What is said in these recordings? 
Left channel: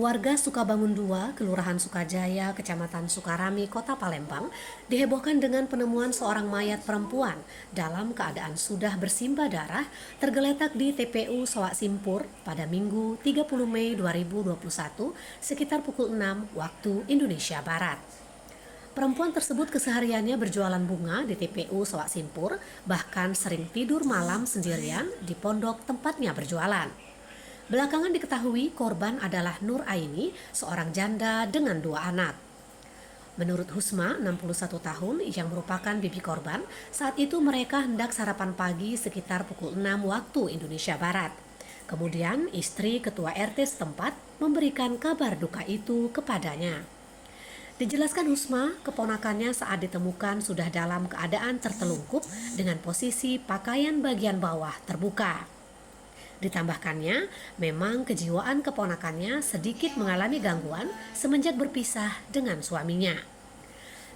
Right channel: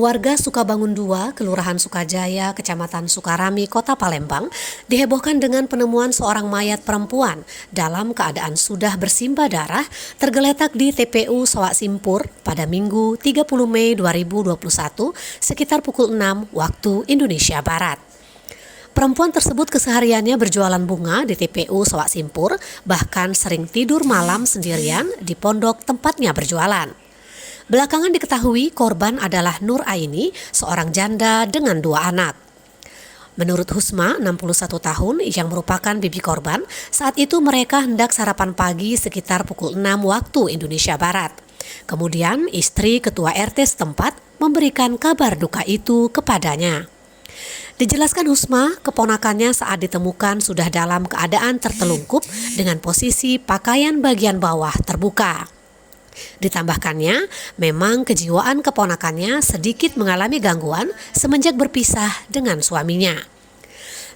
Warga Sukabangun 2, Kelurahan Sukajaya, Kecamatan Sukarami, Kota Palembang, dihebohkan dengan penemuan seorang mayat perempuan dalam keadaan sudah bersimbah darah tergeletak di TPU Sawak Simpur pada Minggu 30 Mei 2021 sekitar pukul 6 waktu Indonesia Barat. Perempuan tersebut kesehariannya berjualan bunga di TPU Sawak Simpur, bahkan sering tidur malam sendirian di pondok tempatnya berjualan. Belakangan diketahui korban adalah Nur Aini, seorang janda dengan 2 anak. Menurut Husma, 61 tahun, yang merupakan bibi korban, saat itu mereka hendak sarapan pagi sekitar pukul 6 waktu Indonesia Barat. Kemudian istri ketua RT setempat memberikan kabar duka itu kepadanya. Dijelaskan Husma, keponakannya saat ditemukan sudah dalam keadaan tertelungkup dengan posisi pakaian bagian bawah terbuka. Ditambahkannya, memang kejiwaan keponakannya sedikit mengalami gangguan semenjak berpisah dengan suaminya.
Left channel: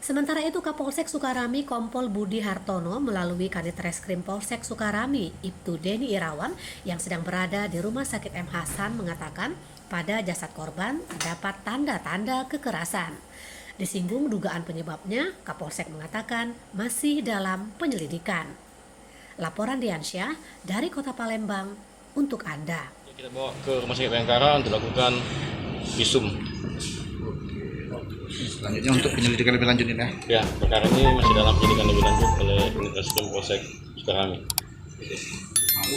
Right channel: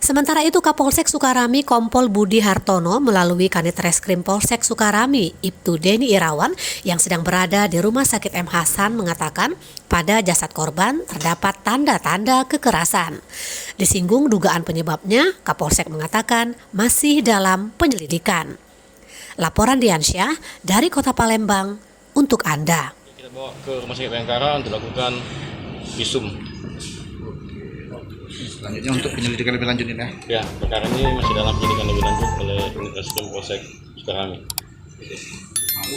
Sementara itu, Kapolsek Sukarami Kompol Budi Hartono melalui Kanit Reskrim Polsek Sukarami, Ibtu Deni Irawan yang sedang berada di Rumah Sakit M. Hasan mengatakan pada jasad korban terdapat tanda-tanda kekerasan. Disinggung dugaan penyebabnya, Kapolsek mengatakan masih dalam penyelidikan. Laporan Diansyah dari Kota Palembang untuk Anda. Kita bawa ke Rumah Sakit Bayangkara untuk lakukan visum. Selanjutnya untuk penyelidikan lebih lanjut ini ya? Ya, perkara ini masih dalam penyelidikan lebih lanjut oleh Unit Reskrim Polsek Sukarami.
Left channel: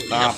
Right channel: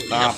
Mantap.